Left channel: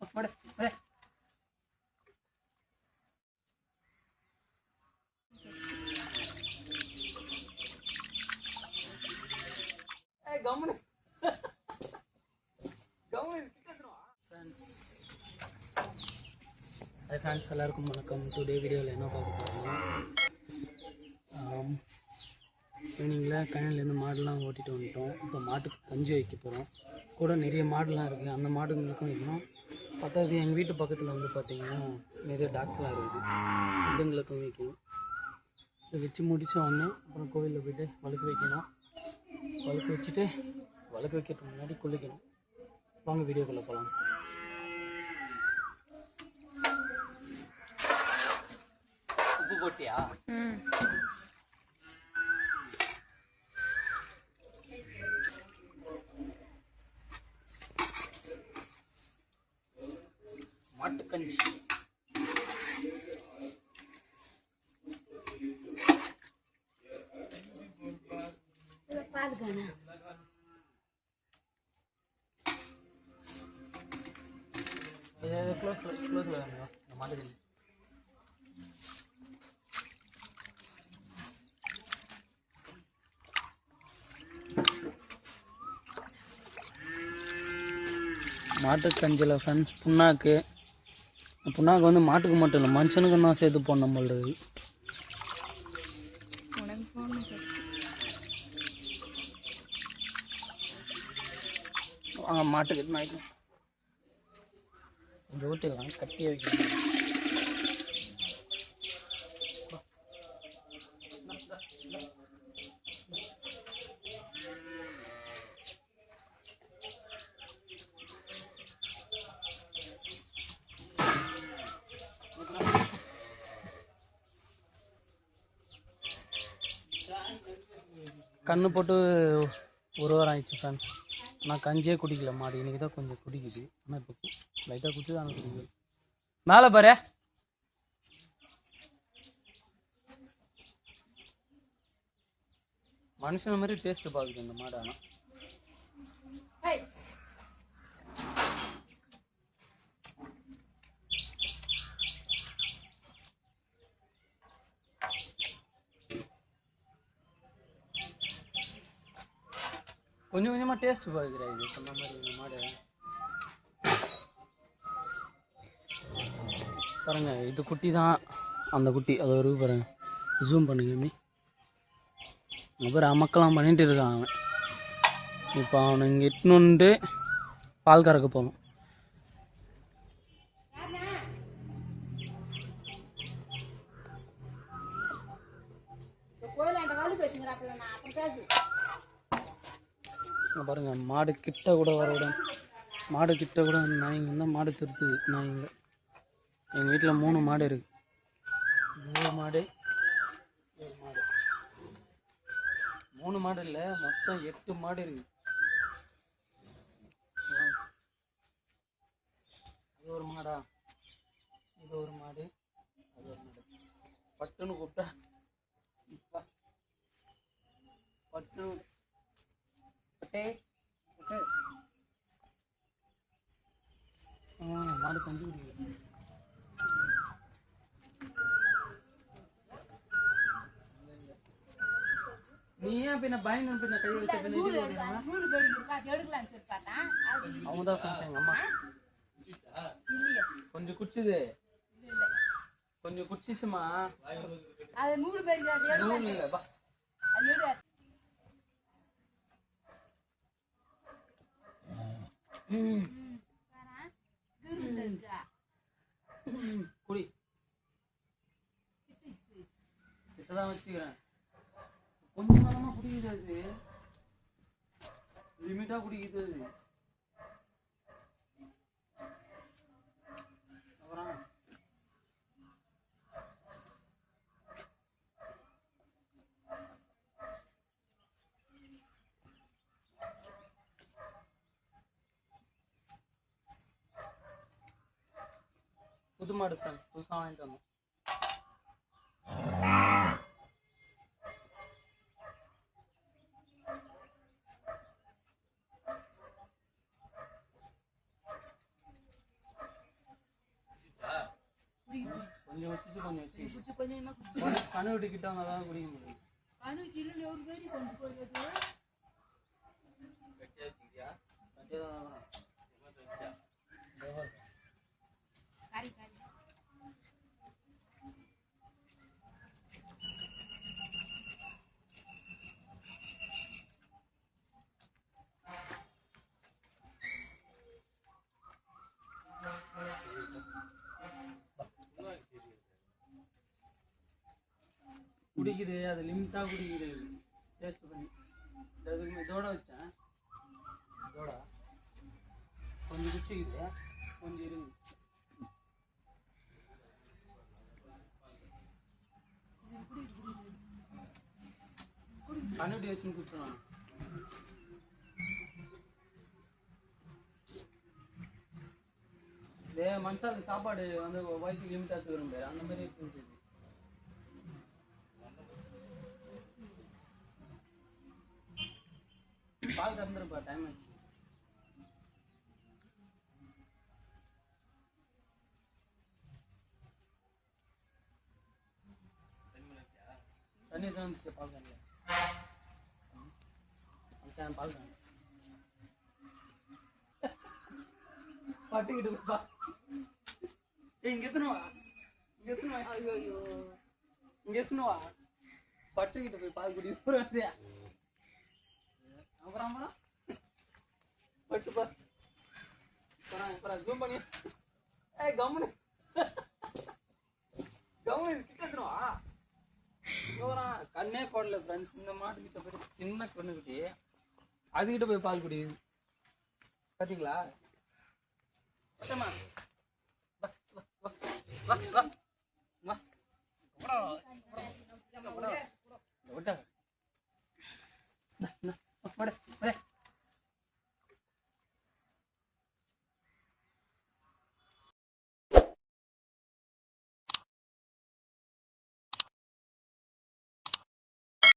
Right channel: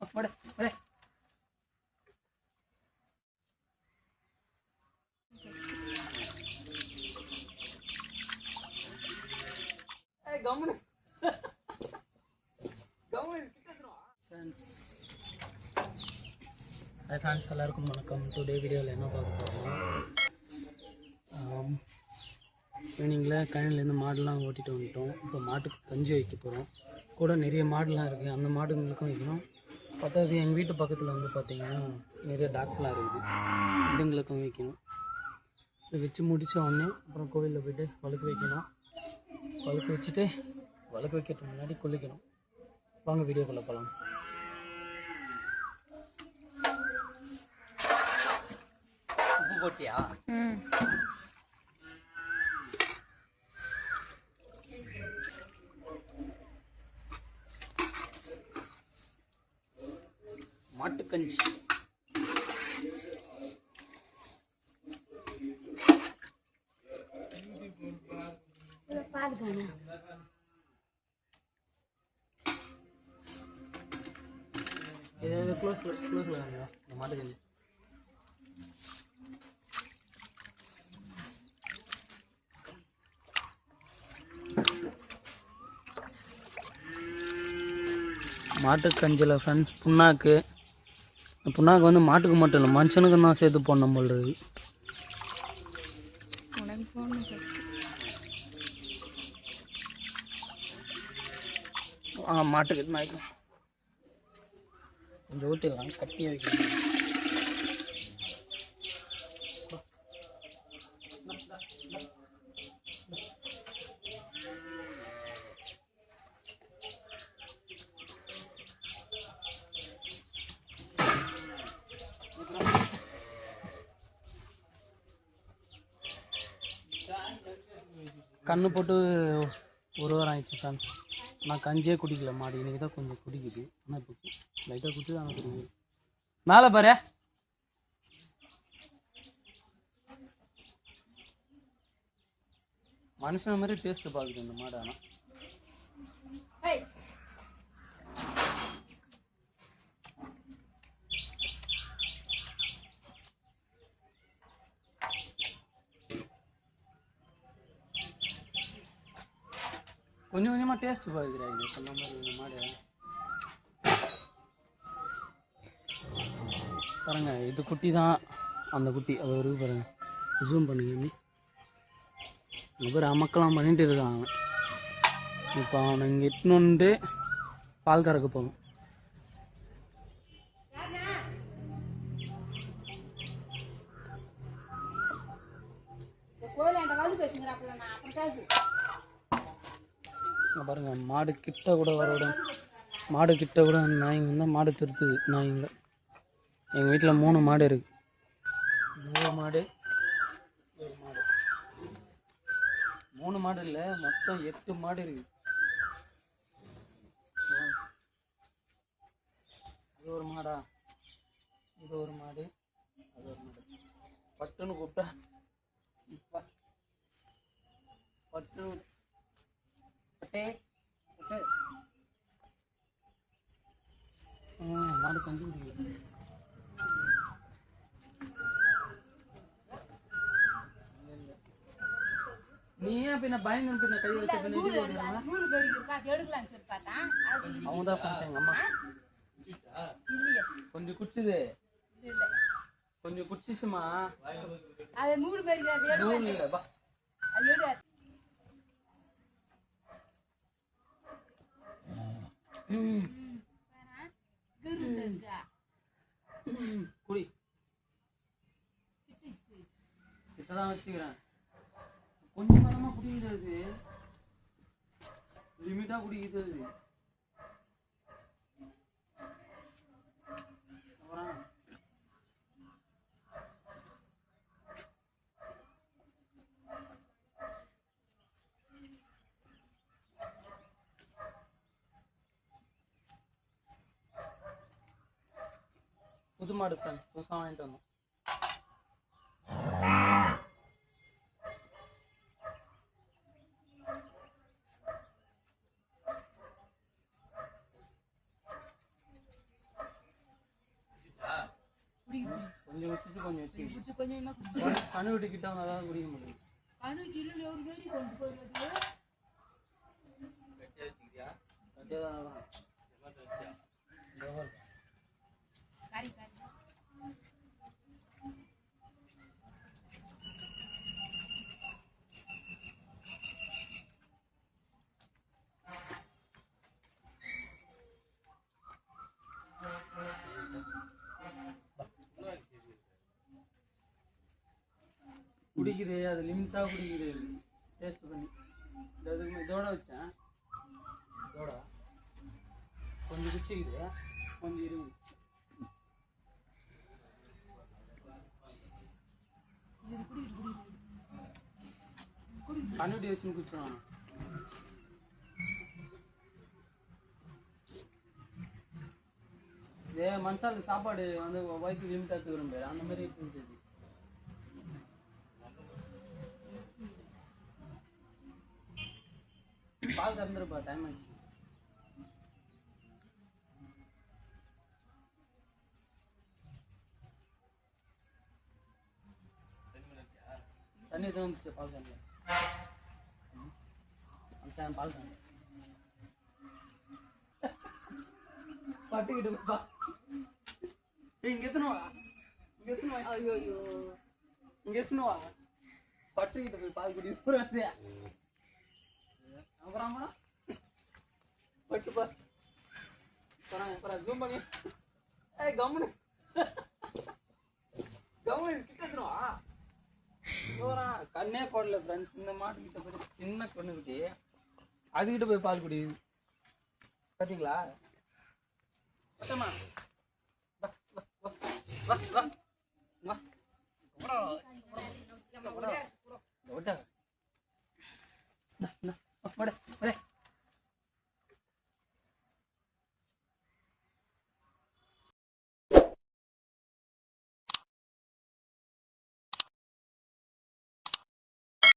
போடு போடு. கம்முனு ஃப்ரெண்ட்ஸ் எல்லாருக்கும் வணக்கம். டுடே வீடியோவில் என்ன பார்க்க போகிறோம்னா, ஈவினிங்கில் கழனிலேருந்து மாடுலாம் ஓட்டிகிட்டு வந்துட்டோம். இப்போ மாட்டுக்கு கஞ்சி வைக்க போகிறோம். கூட நிறைய மாடுலாம் இருக்குது, அந்த மாடுங்களுக்கும் வைக்கணும். பத்தாவது எங்கள் வீட்டு பக்கத்தில் வந்து பார்த்திங்கன்னா நிறைய டாக்ஸ்லாம் இருக்குது, இதுங்களுக்கும் வைக்கணும். இது வச்சு முடித்த உடனே அப்புறம் கோவிலில் போய்ட்டு வழுக்கு வைக்கணும். வழுக்கு வச்சுட்டு வழுக்கு வைக்கிறதுக்கு முன்னாடி குளிக்கணும். வாங்க வீடியோக்குள்ளே போகலாம். உப்பு போட்டியா? மாட்டுக்கஞ்சி மாட்டுக்கஞ்சி மாட்டுக்கஞ்சியில் ஃப்ரெண்ட்ஸ் புண்ணாக்கு வந்து மாட்டுக்கு மட்டும் இல்லை, மனுஷனுக்கு தான் சேர்த்து போடணும் போடுறது. மாட்டுக்கு கொஞ்சம் ஊற்றிடலாம், கட்டி வைக்கணும். கண்ணு போட்டு ஒரு வாரம் ஆயிடுச்சு ஃப்ரெண்ட்ஸ். நான் கஞ்சியே குடிக்கல, மாடு இன்றைக்கி தான் கொஞ்சம் குடிக்குது. ஆனால் இப்போ லைட்டாக குடிச்சு தான் குடிக்குது. மேலே பாரு, மனுஷன் மாதிரி டேஸ்ட்டு பார்க்குது இந்த மாடு. ஆனால் கொஞ்சம் கொஞ்சமாக டேஸ்ட்டு பார்க்குறாங்க சொன்ன மாதிரி இந்த மாடு. பாருங்க, இது குட்டி தான், அந்த குட்டி அது ஒரு பாருங்க, ஜூம் பண்ணுங்க. அப்புறம் அமக்கெல்லாம் பண்ணிட்டு இருக்கான் அவன். இப்போ அவனை இங்கே இட்டுன்னு வந்து பால் கறக்க போகணும். பாருங்க, மாடு கிட்ட கூட நாய்ங்க வந்து மாடு திருத்துது. நாய்ங்க எங்கள் வீட்டில் 3 மாடு இருக்குது. 3 மாடு இல்லை, மொத்தம் 8 மாடு இருக்குது. அது ஒரு மாடா, இது ஒரு மாடு, அது ஒரு மாடு. பட்டுன்னு கூப்பிட்டா பட்டு மாடு கஞ்சி குடிக்கல. நீ ஏன் பின்ன பயன் பின்ன கை வச்ச பின்ன அவங்க தான் ஃப்ரெண்ட்ஸ். எங்கள் அம்மா கொஞ்சம் குடிச்சுது, கொஞ்சம் குடிச்சிச்சுமா. நூல் இல்லை பா. குடி, கிட்டதான் வச்சுக்கிறேன். கொஞ்சம் காலமாக குடிக்குது, அது லிமிட்டாக குடிக்குது அது. அப்புறம் புது மாடு ஃப்ரெண்ட்ஸ், புதுசாக வாங்கிட்டு வந்தோம். கொஞ்சம் வச்சு கனவு விட்டுக்கிட்ட வந்தால் தான் குடிக்க முடியும். குடிக்குது, அது லிமிட்டாக குடிக்குது. டேஸ்ட் பண்ணி இதோட வச்சேன், இதோட கொஞ்சம் குச்சிக்குது, கொஞ்சம் இருக்குது. கண்ணுடி வச்சுன்னு குடிச்சிடுவாங்க. இதே மனுஷால சாப்பாடு வந்து வயிற்று லிமிட்டாக தூரம் பேர் அந்த மாதிரி இருந்துச்சு. பால் திறந்துருப்பா, டைம் ஆச்சு. தண்ணி தான் வந்துச்சு பால் தண்ணி. பால் தண்ணி பட்டுக்கிட்டு இங்க எத்தனுவா பட்டுக்கிட்டு போய் பால் குடி அப்புறமா பட்டுப்பா ஜூம் பண்ணி கம்முனு கிட்டவா கண்ணே போடல ஃப்ரெண்ட்ஸ். இந்த மாட்டு கிட்ட போய் சின்ன கண்ணுக்கிட்டே அதுக்கிட்ட போய் பால் குடி பார்த்தீங்களா? பட்டமா வா